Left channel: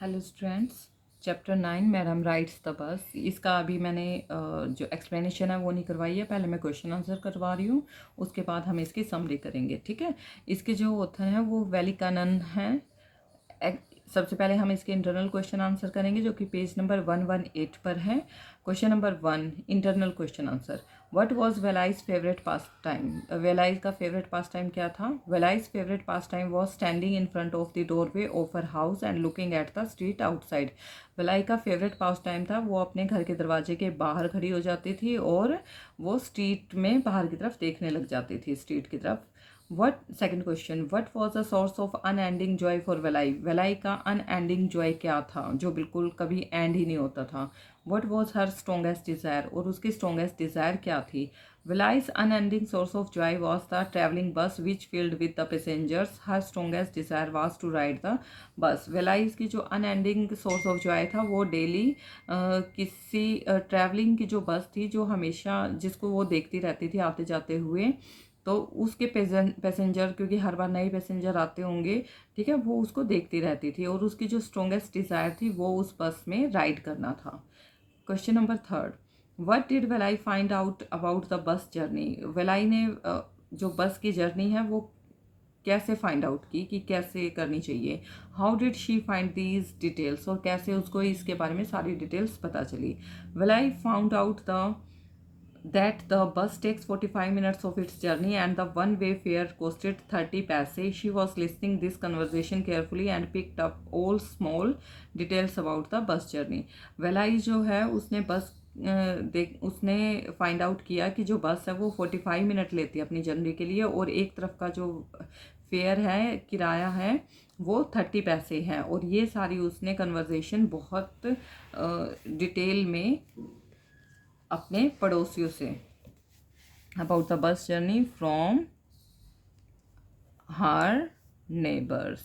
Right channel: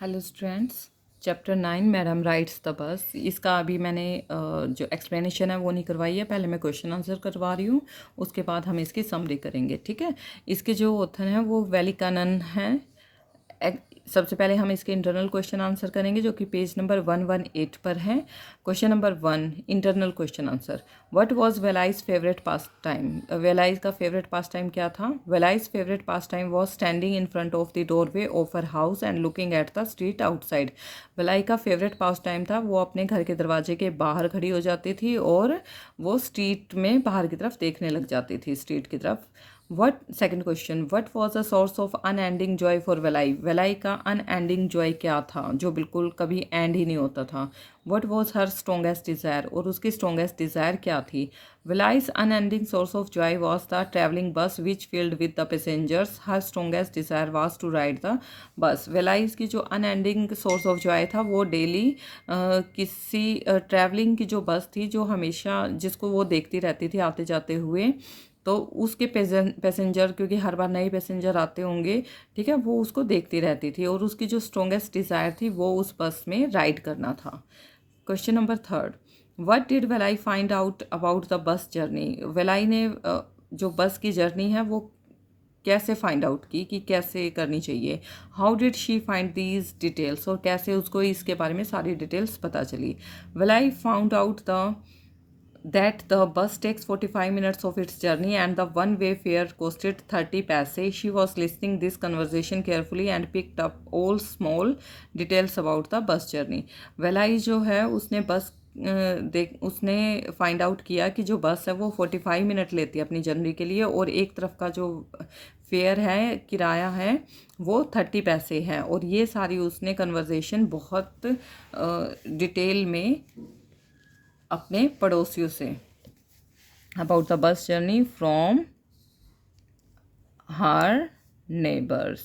Hello students. Chapter 9 madam rights the bus. इसका अभी मैंने जो एक्सप्लेनेशन है वो नहीं करवाई है। पहले मैं क्वेश्चन आंसर करवा रही हूँ, उसके बाद हम इसकी समरी करेंगे। ठीक है। इसके जो ऑथर हैं वो वेलिकानन हैं। सबसे पहले हम इसके इंटरनल क्वेश्चन आंसर करेंगे जो कि पेज नंबर 118 पर है। Question number 1, internal question answer. What was Velai's favourite pass time? Velai's का फेवरेट पास टाइम क्या था? Velai's favourite pass time was standing in front of the doorway of her house and looking at the street outside. Velai का favourite pass time था, वो अपने घर के दरवाजे के बाहर खड़ी हो जाती थी और वो स्ट्रीट में बाहर की तरफ देखने लग जाती थी, स्ट्रीट की तरफ। What second question, what was the source of unending joy for Velai? Velai का अनएंडिंग जॉय क्या था जो बिल्कुल कभी एंड ही नहीं होता था? What was her strongest desire, और उसकी स्ट्रोंगेस्ट डिज़ायर क्या थी? Velai's unending source of joy was the travelling bus which filled with the passengers. Her strongest desire was to ride the bus. Velai's की जो अनएंडिंग सोर्स ऑफ जॉय था वो daily किसी travelling की जो बस थी जो हमेशा जिसको वो देखती रहती थी आते जाते हुए, तो उसके पैसेंजर, क्योंकि हर बार नए पैसेंजर आते होंगे, ठीक है, वो उसको देखती रहती थी और उसकी जो स्ट्रोंगेस्ट डिज़ायर थी वो उस बस में राइड करना था। Question number 3, what did Velai find out about the bus journey? Velai ने जो बस की जर्नी है वो कैसे फाइंड आउट की कि कैसे करनी चाहिए? How did she find these details, और कैसे उसको इसके बारे में सारी डिटेल्स पता चली? Velai found out the that the bus takes 45 minutes of its journey and the one way fare costed 30 paise. She was listening this conversation carefully and picked up all small details about the bus journey. वेलाई जो है उसने बस उसने find out किया कि जो बस है वो 45 मिनट लेती है अपनी जर्नी के लिए, और एक तरफ का जो फेयर है, किराया है, वो 30 पैसे है। और ये सारी उसने कन्वर्जेशन बहुत डिटेल में अपने पड़ोसियों say about the bus journey from her neighbours.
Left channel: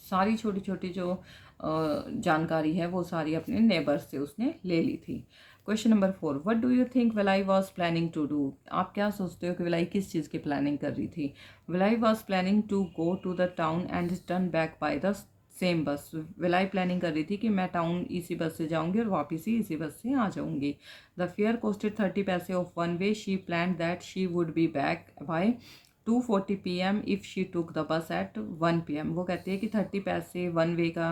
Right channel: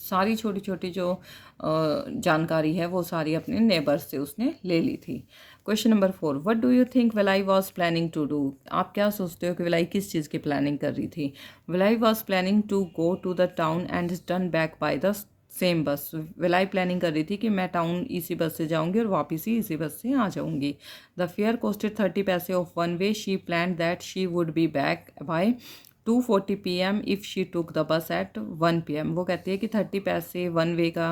सारी छोटी छोटी जो जानकारी है वो सारी अपने नेबर्स से उसने ले ली थी। Question number 4, what do you think Velai was planning to do? आप क्या सोचते हो कि वेलाई किस चीज़ की प्लानिंग कर रही थी? Velai was planning to go to the town and turn back by the same bus. Velai planning कर रही थी कि मैं टाउन इसी बस से जाऊंगी और वापस ही इसी बस से आ जाऊंगी। द फेयर कॉस्टेड 30 पैसे of one way. She plan that she would be back by 2:40 PM if she took the bus at 1 PM। वो कहती है कि 30 पैसे वन वे का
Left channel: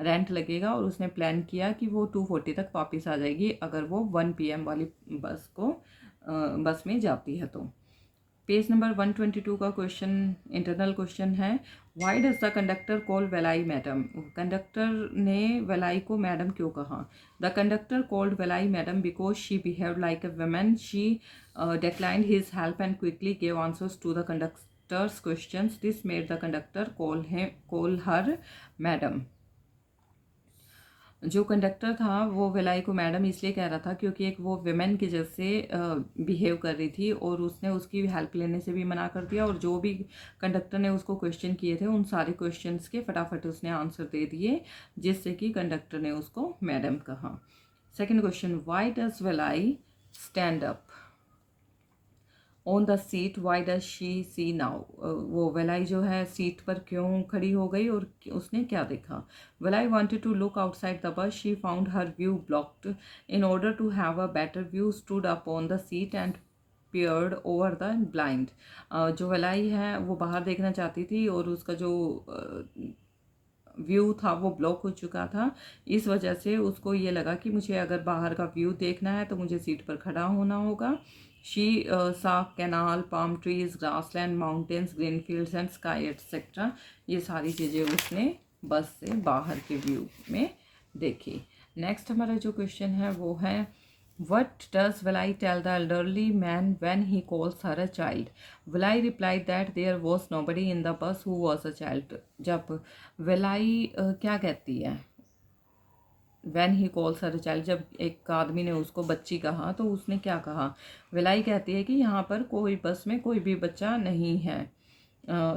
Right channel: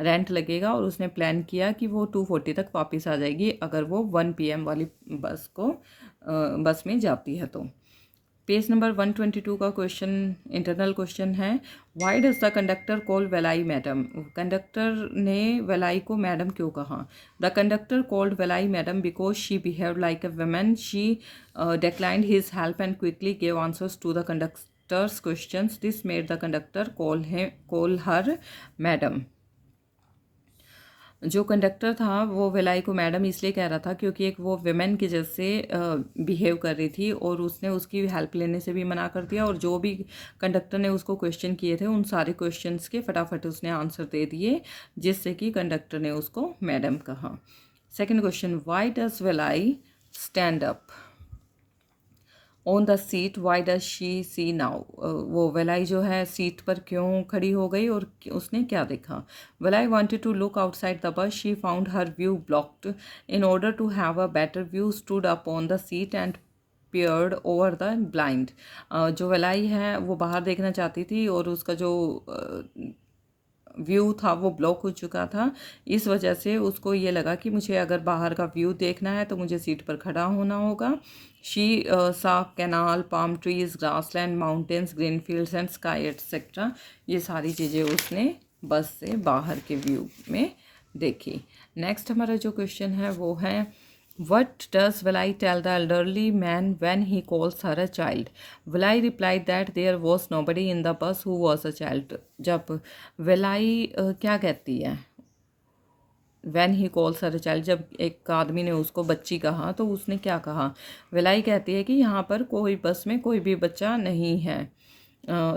रेंट लगेगा और उसने प्लान किया कि वो 2:40 तक वापस आ जाएगी अगर वो 1 PM वाली बस में जाती है तो। पेज नंबर 122 का क्वेश्चन इंटरनल क्वेश्चन है, why does the conductor call Velai madam? Conductor ने वेलाई को मैडम क्यों कहा? The conductor called Velai madam because she behave like a woman. She declined his help and quickly gave answers to the conductor's questions. This made the conductor call her madam. जो conductor था वो वेलाई को madam इसलिए कह रहा था क्योंकि एक वो विमेन की जैसे बिहेव कर रही थी, और उसने उसकी हेल्प लेने से भी मना कर दिया, और जो भी कंडक्टर ने उसको क्वेश्चन किए थे उन सारे क्वेश्चंस के फटाफट उसने आंसर दे दिए, जिससे कि कंडक्टर ने उसको मैडम कहा। Second question, why does Velai stand up on the seat? Why does she see now? वो वेलाई जो है सीट पर क्यों खड़ी हो गई और उसने क्या देखा? Velai wanted to look outside the bus. She found her view blocked. In order to have a better view stood up on the seat and peered over the blind. जो वेलाई है वो बाहर देखना चाहती थी और उसका जो व्यू था वो ब्लॉक हो चुका था। इस वजह से उसको ये लगा कि मुझे अगर बाहर का व्यू देखना है तो मुझे सीट पर खड़ा होना होगा। शी सा canal, palm trees, grassland, mountains, green fields and sky etcetera. ये सारी चीज़ें उसने बस से बाहर के व्यू में देखी। नेक्स्ट हमारा जो क्वेश्चन है वो है, what does Valai tell the elderly man when he calls her a child? Valai replied that there was nobody in the bus who was a child. जब वेलाई क्या कहती है when he calls her a child, जब एक आदमी ने उसको बच्ची कहा तो उसने क्या कहा? वेलाई कहती है कि यहाँ पर कोई बस में कोई भी बच्चा नहीं है।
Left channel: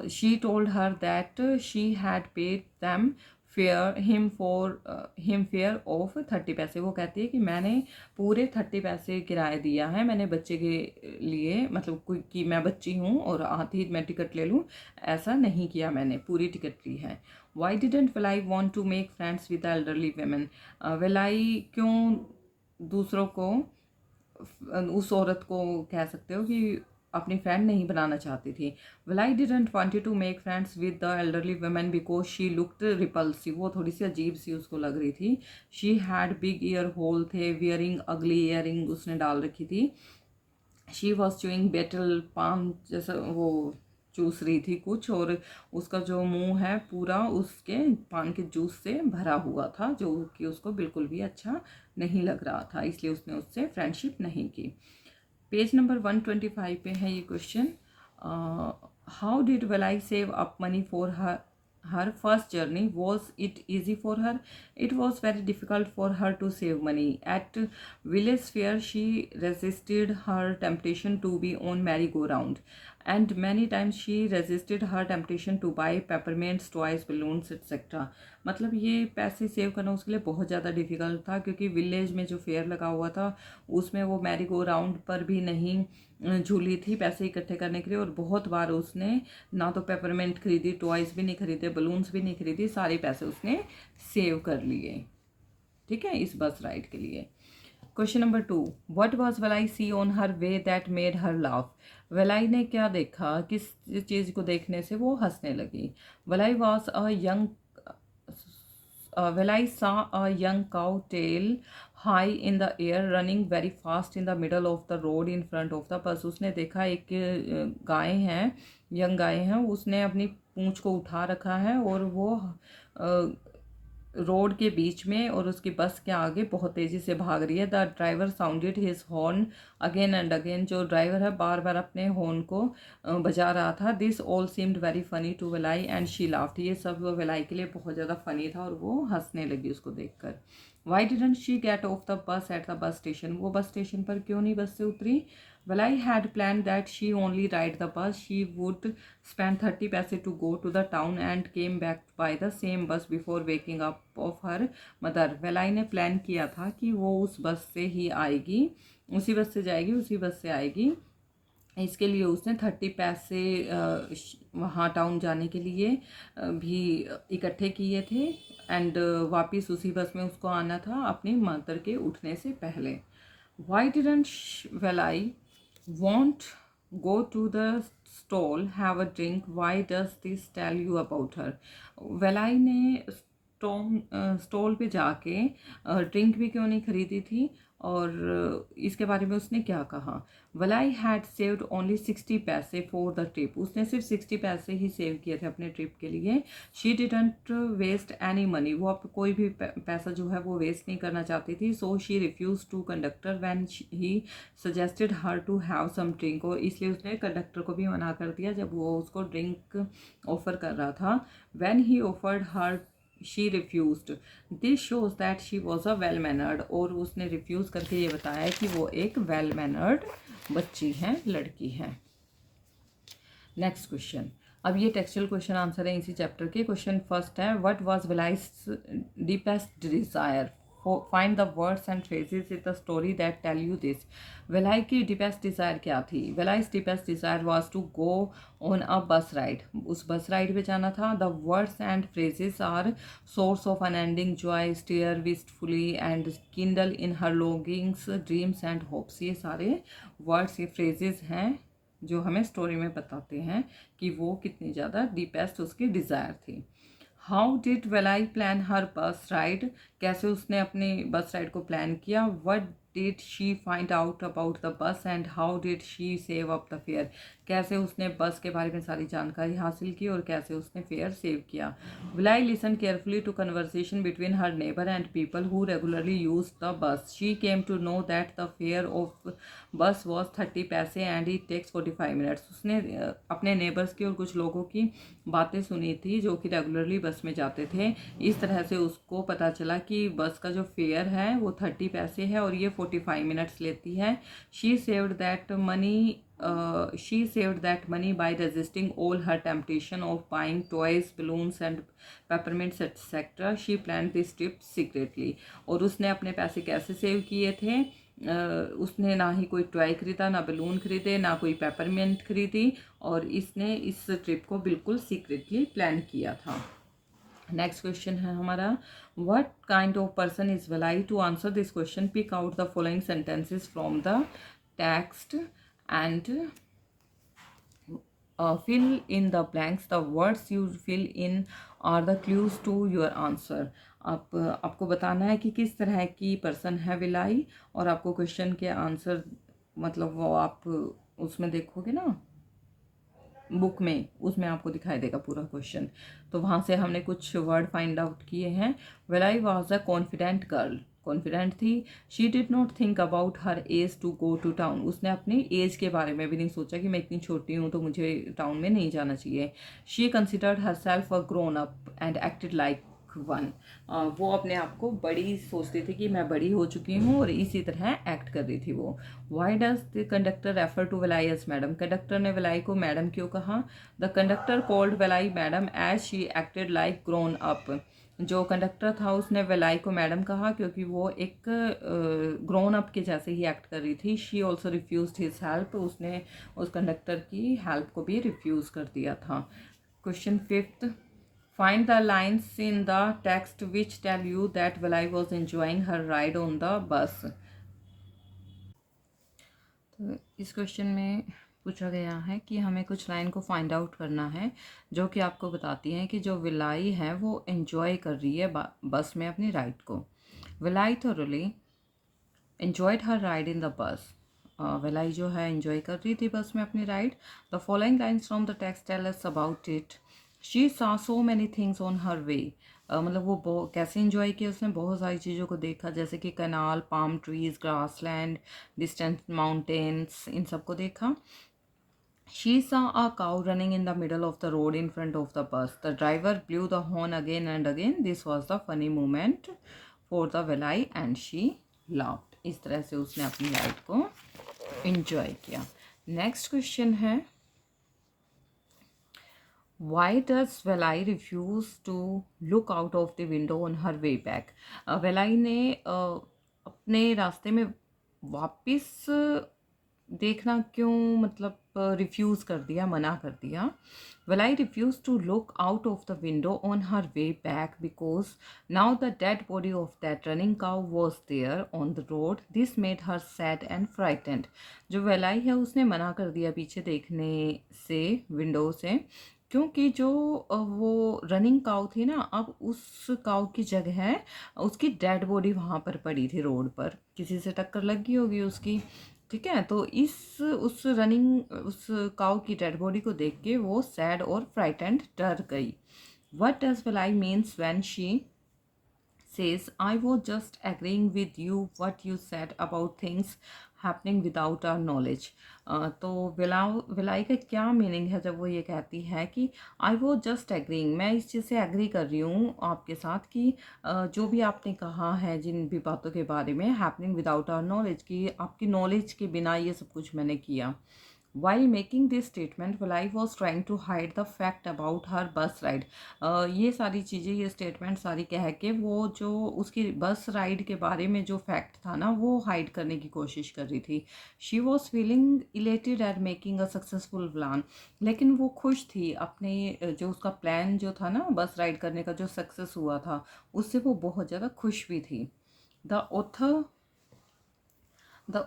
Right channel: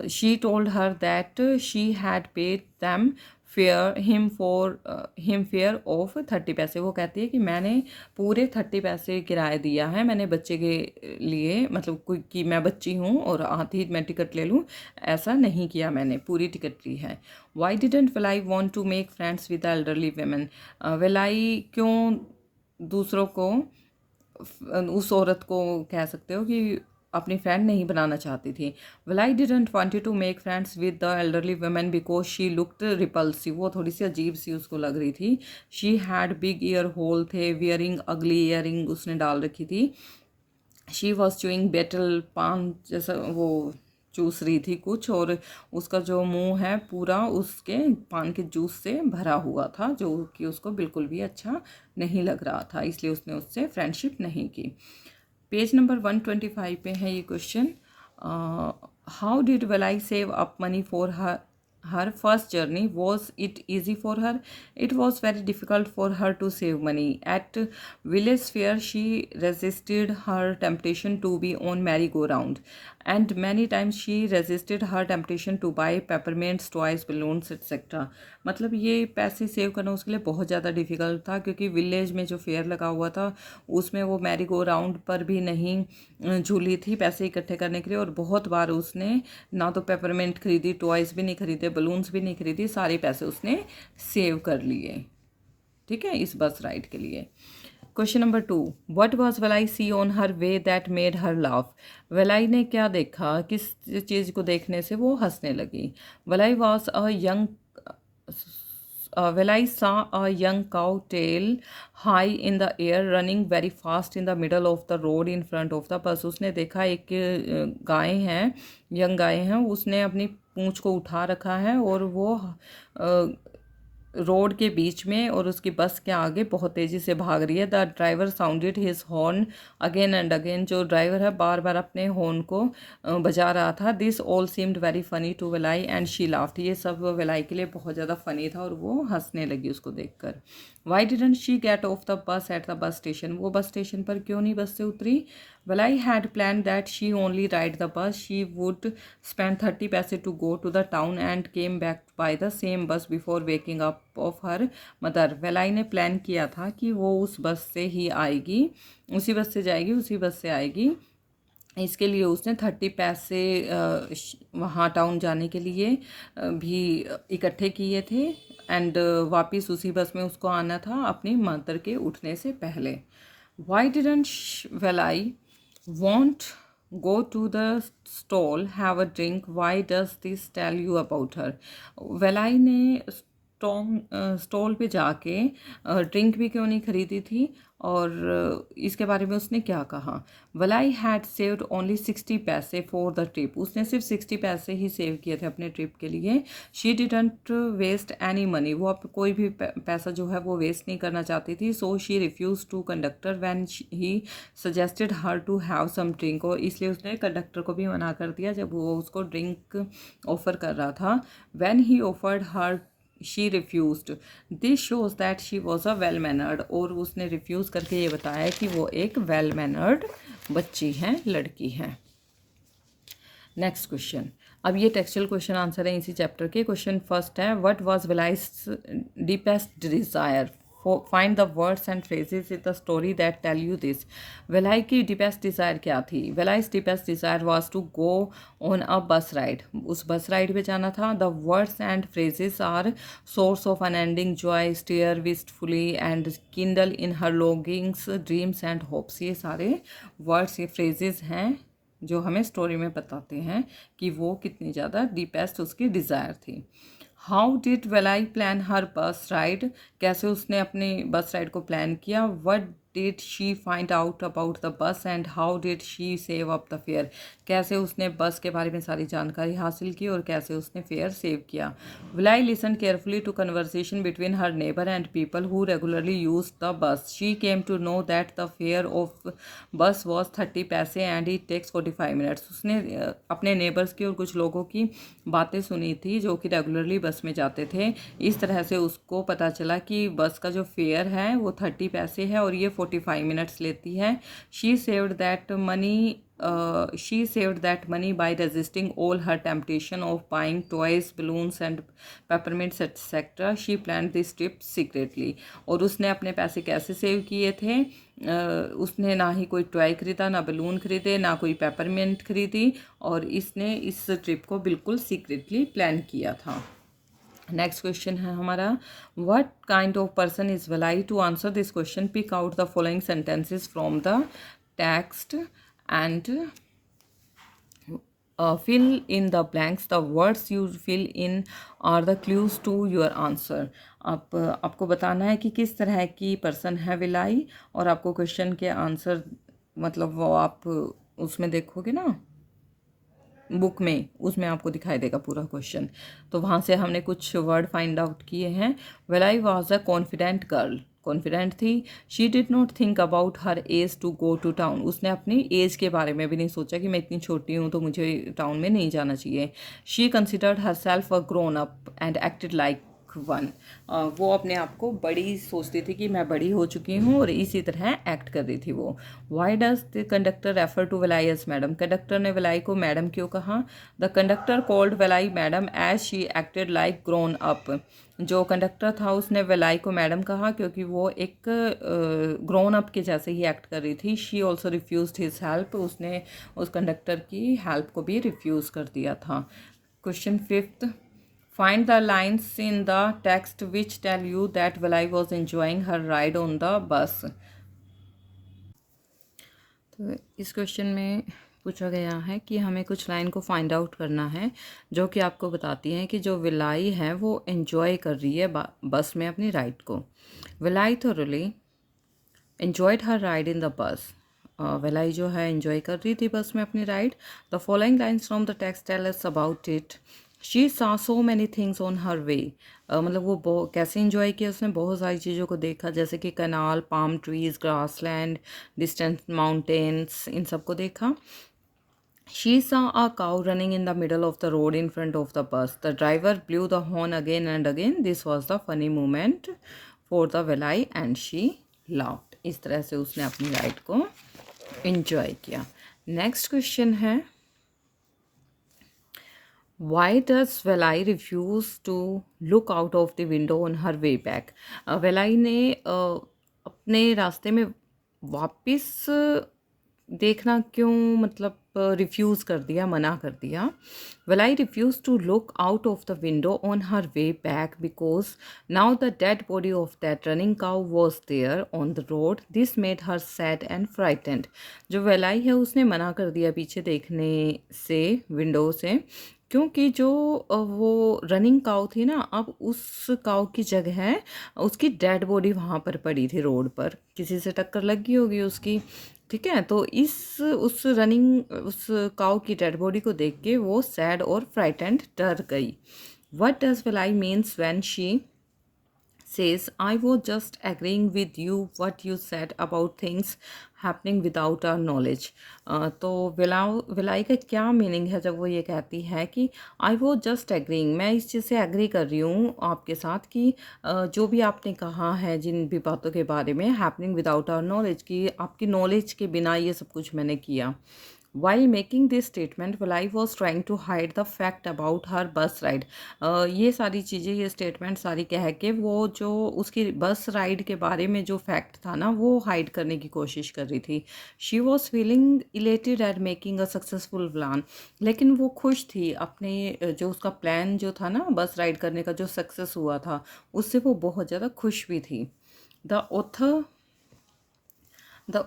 She told her that she had paid them him fair of 30 पैसे। वो कहती है कि मैंने पूरे 30 पैसे किराया दिया है मैंने बच्चे के लिए, मतलब कोई कि मैं बच्ची हूँ और आती ही मैं टिकट ले लूँ, ऐसा नहीं किया, मैंने पूरी टिकट ली है। Why didn't Velai want to make friends with elderly women. Velai क्यों दूसरों को, उस औरत को कह सकते हो कि अपनी फ्रेंड नहीं बनाना चाहती थी। Velai didn't wanted to make friends with the elderly women because she looked repulsive. वो थोड़ी सी अजीब सी उसको लग रही थी। She had big ear hole थे, वियरिंग अगली ईयरिंग उसने डाल रखी थी। शी वॉज चूइंग बेटल, पान जैसा वो चूस रही थी कुछ, और उसका जो मुंह है पूरा उसके पान के जूस से भरा हुआ था, जो कि उसको बिल्कुल भी अच्छा नहीं लग रहा था, इसलिए उसने उससे फ्रेंडशिप नहीं की। पेज नंबर 125 पे है ये question. How did Velai save up money for her first journey? Was it easy for her? It was very difficult for her to save money. At village fair she resisted her temptation to be on merry-go-round, and many times she resisted her temptation to buy peppermints, toys, balloons, etc. मतलब ये पैसे save करना उसके लिए बहुत ज़्यादा difficult था, क्योंकि विलेज में जो फेयर लगा हुआ था उसमें वो मैरी गो राउंड पर भी नहीं झूली थी पैसे इकट्ठे करने के लिए, और बहुत बार उसने ना तो पेपरमेंट खरीदी, टॉयज़ भी नहीं खरीदे, बलून्स भी नहीं खरीदी, सारे पैसे उसने सेव कर लिए, ठीक है, इस बस राइड के लिए। Question number 2, what was Velai see on her way that made her laugh. Velai ने क्या देखा, किस चीज़ को देखने से वो हंसने लगी। Velai was a young Velai saw a young cow tail high in the air running very fast in the middle of the road in front of the bus. उसने देखा एक गाय है, यंग गाय है, उसने अपनी पूंछ को उठा रखा है और वो रोड के बीच में और उसकी बस के आगे बहुत तेज़ी से भाग रही है। The driver sounded his horn again and again. जो ड्राइवर है बार बार अपने हॉर्न को बजा रहा था। This all seemed very funny to Velai and she laughed. ये सब वेलाई के लिए बहुत ज़्यादा फ़नी था और वो हंसने लगी उसको देखकर। Y didn't she get of the bus at the bus station. वो बस स्टेशन पर क्यों नहीं बस से उतरी। Valai had planned that she only ride the bus. She would spend 30 paise to go to the town and came back by the same bus before waking up of her mother. Valai ने plan किया था कि वो उस बस से ही आएगी, उसी बस से जाएगी, उसी बस से आएगी। इसके लिए उसने 30 पैसे वहाँ टाउन जाने के लिए भी इकट्ठे किए थे, एंड वापस उसी बस में उसको आना था अपनी मदर के उठने से पहले। Why didn't Valai want go to the stall, have a drink? Why does this tell you about her? वेलाई ने स्टॉल पे जाके ड्रिंक भी क्यों नहीं खरीदी थी, और इसके बारे में उसने क्या कहा। वलाई हैड सेव्ड ओनली 60 पैसे फॉर द ट्रिप। उसने सिर्फ 60 पैसे ही सेव किए थे अपने ट्रिप के लिए। She didn't waste any money. वो अब कोई भी पैसा जो है वो वेस्ट नहीं करना चाहती थी। So she refuse to conductor when he suggested her to have some drink. और इसलिए उसने कंडक्टर को भी मना कर दिया जब वो उसको ड्रिंक ऑफर कर रहा था। When he offered her she refused. This shows that she was a well mannered. और उसने रिफ्यूज़ करके ये बताया कि वो एक वेल मैनर्ड बच्ची हैं, लड़की हैं। Next question. अब ये टेक्सचुअल क्वेश्चन आंसर है इसी चैप्टर के। क्वेश्चन फर्स्ट है, what was Velai's deepest desire. Find the words and phrases in the story that tell you this. Velai की डीपेस्ट डिज़ायर क्या थी। Velai's deepest desire was to go on a bus ride. उस bus ride पे जाना था। The words and phrases are source of unending joy, stare wistfully and Kindle in her longings, dreams and hopes. ये सारे words, ये phrases हैं जो हमें स्टोरी में बताते हैं कि वो कितनी ज़्यादा डीपेस्ट उसकी डिज़ायर थी। हाउ डिड वेलाई प्लान हर बस राइड। कैसे उसने अपनी बस राइड को प्लान किया। What did she find out about the बस and how did she save up the fair. कैसे उसने बस के बारे में सारी जानकारी हासिल की और कैसे उसने फेयर सेव किया। Valli listen carefully to conversation between her neighbour and people who regularly use the bus. She came to know that the fare of bus was 30 पैसे एंड इट टेक्स 45 मिनट्स। उसने अपने नेबर्स की और कुछ लोगों की बातें सुनी थी जो कि रेगुलरली बस में जाते थे। इस तरह से उसको पता चला कि बस का जो फेयर है वो 30 पैसे है और ये 45 मिनट्स लेती है। She saved that money she saved that money by resisting all her temptation of buying toys, balloons and peppermints etc. She planned this trip secretly. और उसने अपने पैसे कैसे सेव किए थे? उसने ना ही कोई टॉय खरीदा, ना बलून खरीदे, ना कोई पेपरमिंट खरीदी, और इसने इस ट्रिप को बिल्कुल सीक्रेटली प्लान किया था। नेक्स्ट क्वेश्चन है हमारा, what kind of person is Velai? To answer this question pick out the following sentences from the text and fill in the blanks. The words you fill in are the clues to your answer. आपको बताना है कि किस तरह की person है villi, और आपको क्वेश्चन के आंसर मतलब वो आप उसमें देखोगे ना बुक में, उसमें आपको दिखाई देगा पूरा क्वेश्चन। तो वहाँ से हमने कुछ वर्ड फाइंड आउट किए हैं। Velai was a confident girl, confident थी। She did not think about her age to go to town, उसने अपनी एज के बारे में भी नहीं सोचा कि मैं इतनी छोटी हूँ तो मुझे टाउन में नहीं जाना चाहिए। She considered her self a grown up and acted like one, वो अपने आप को बड़ी सोचती थी कि मैं बड़ी हो चुकी हूँ, और इसी तरह एक्ट कर रही थी वो। Why does the conductor refer to Velai as madam? Conductor ने वेलाई को मैडम क्यों कहा? The conductor called Velai madam as she acted like grown up, जो कंडक्टर था उसने वेलाई को मैडम कहा क्योंकि वो एक ग्रोन अप के जैसे ही एक्ट कर रही थी। She also refuse his help, उसने उस कंडक्टर की हेल्प को भी रिफ्यूज़ कर दिया था। Question fifth, find the lines in the text which tell you that Valai was enjoying her ride on the bus. तो इस क्वेश्चन में पूछा गया है कि हमें कुछ लाइन को फाइंड आउट करना है जो कि आपको बताती हैं कि जो विलाई है वो एंजॉय कर रही है बस में अपनी राइड को। Valli thoroughly enjoyed her ride in the bus. Valli जो है एंजॉय कर रही थी बस में अपनी ride. The following lines from the text tell us about it. She saw so many things on her way. मतलब वो कैसे इंजॉय किया, उसने बहुत सारी चीज़ों को देखा, जैसे कि canal, palm trees, grassland, distant mountains, इन सब को देखा। She saw a cow running in the middle of the road in front of the bus. The driver blew the horn again and again. This was the funny moment for the Valai and she laughed. इस तरह से उसने अपनी ride को enjoy किया। Next question है, Why does Valai refuse to look out of the window on her way back? वेलाई ने अपने रास्ते में वापस देखना क्यों मतलब रिफ्यूज़ कर दिया, मना कर दिया? Valai refused to look out of the window on her way back because now the dead body of that running cow was there on the road. This made her sad and frightened. जो वेलाई है उसने मना कर दिया पीछे देखने से, window से, क्योंकि जो वो रनिंग काऊ थी ना, अब उस काऊ की जगह उसकी डेड बॉडी वहाँ पर पड़ी थी रोड पर, किसी से टक्कर लगी होगी उसकी। ठीक है, तो उस काऊ की डेड बॉडी को देख के वो सैड और फ्राइटेंड, डर गई। What does Velai means when she says, I was just agreeing with you what you said about things happening without our knowledge. तो विलाई का क्या मीनिंग है जब वो ये कहती है कि आई वो जस्ट एग्रीइंग, मैं इस चीज़ से एग्री कर रही हूँ आपके साथ कि जो भी आपने कहा है जिन भी बातों के बारे में, हैपनिंग विदाउट आवर नॉलेज, कि आपकी नॉलेज के बिना ये सब कुछ मैंने किया। While making this statement, Valai was trying to hide the fact about her bus ride. ये सारी चीज़ें, ये स्टेटमेंट सारी कह के वो जो उसकी बस राइड के बारे में जो फैक्ट था ना, वो हाइड करने की कोशिश कर रही थी। She was feeling elated eight making a successful plan, लेकिन वो खुश थी अपने जो उसका प्लान जो था ना बस राइड करने का, जो सक्सेस हुआ था, उससे वो बहुत ज़्यादा खुश भी थी। The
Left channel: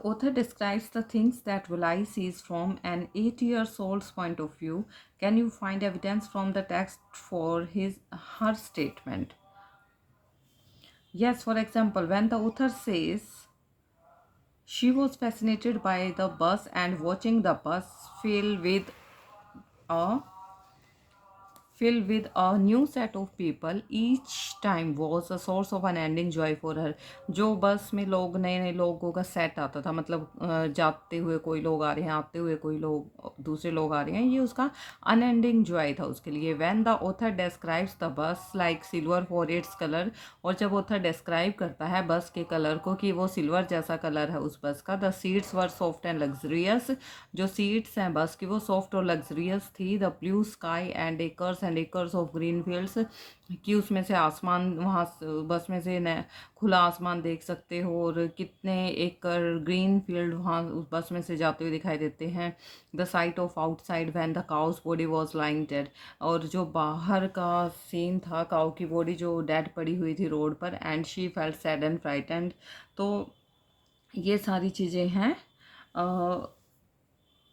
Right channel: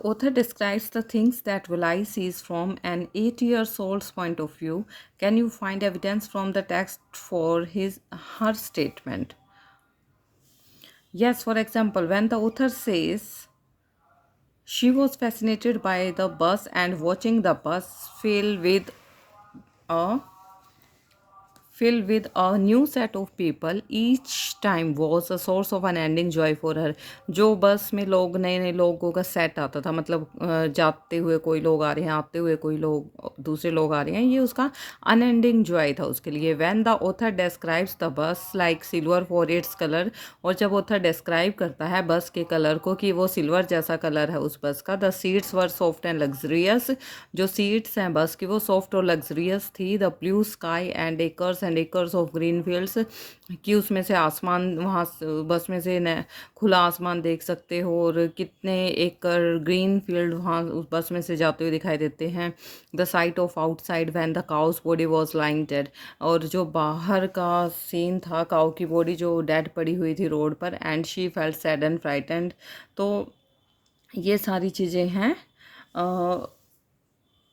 author describes the things that Valai sees from an 8-year-old's point of view. Can you find evidence from the text for her statement? Yes, for example, when the author says she was fascinated by the bus and watching the bus fill with a filled with a new set of people. Each time was a source of unending joy for her. जो बस में लोग नए नए लोगों का set आता था, मतलब जाते हुए कोई लोग आ रहे हैं, आते हुए कोई लोग दूसरे लोग आ रहे हैं, ये उसका अनएंडिंग जॉय था उसके लिए. When the author describes the bus like silver for its color, और जब ऑथर डिस्क्राइब करता है बस के कलर को कि वो सिल्वर जैसा कलर है उस बस का. The seats were soft and luxurious, जो सीट्स हैं बस की वो सॉफ्ट और लग्जरियस थी. The blue sky and acres of green fields, कि उसमें से आसमान, वहाँ बस में से खुला आसमान देख सकते हो और कितने एकड़ ग्रीन फील्ड वहाँ उस बस में से जाते हुए दिखाई देते हैं. The site of outside when the cows body was lying dead, और जो बाहर का सीन था, काऊ की बॉडी जो डेड पड़ी हुई थी रोड पर. And she felt sad and frightened. तो ये सारी चीज़ें हैं.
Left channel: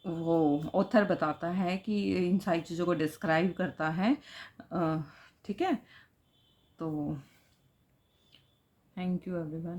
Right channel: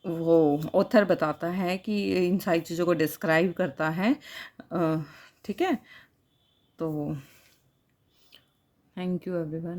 वो ऑथर बताता है कि इन सारी चीज़ों को डिस्क्राइब करता है. ठीक है, तो थैंक यू एवरीवन.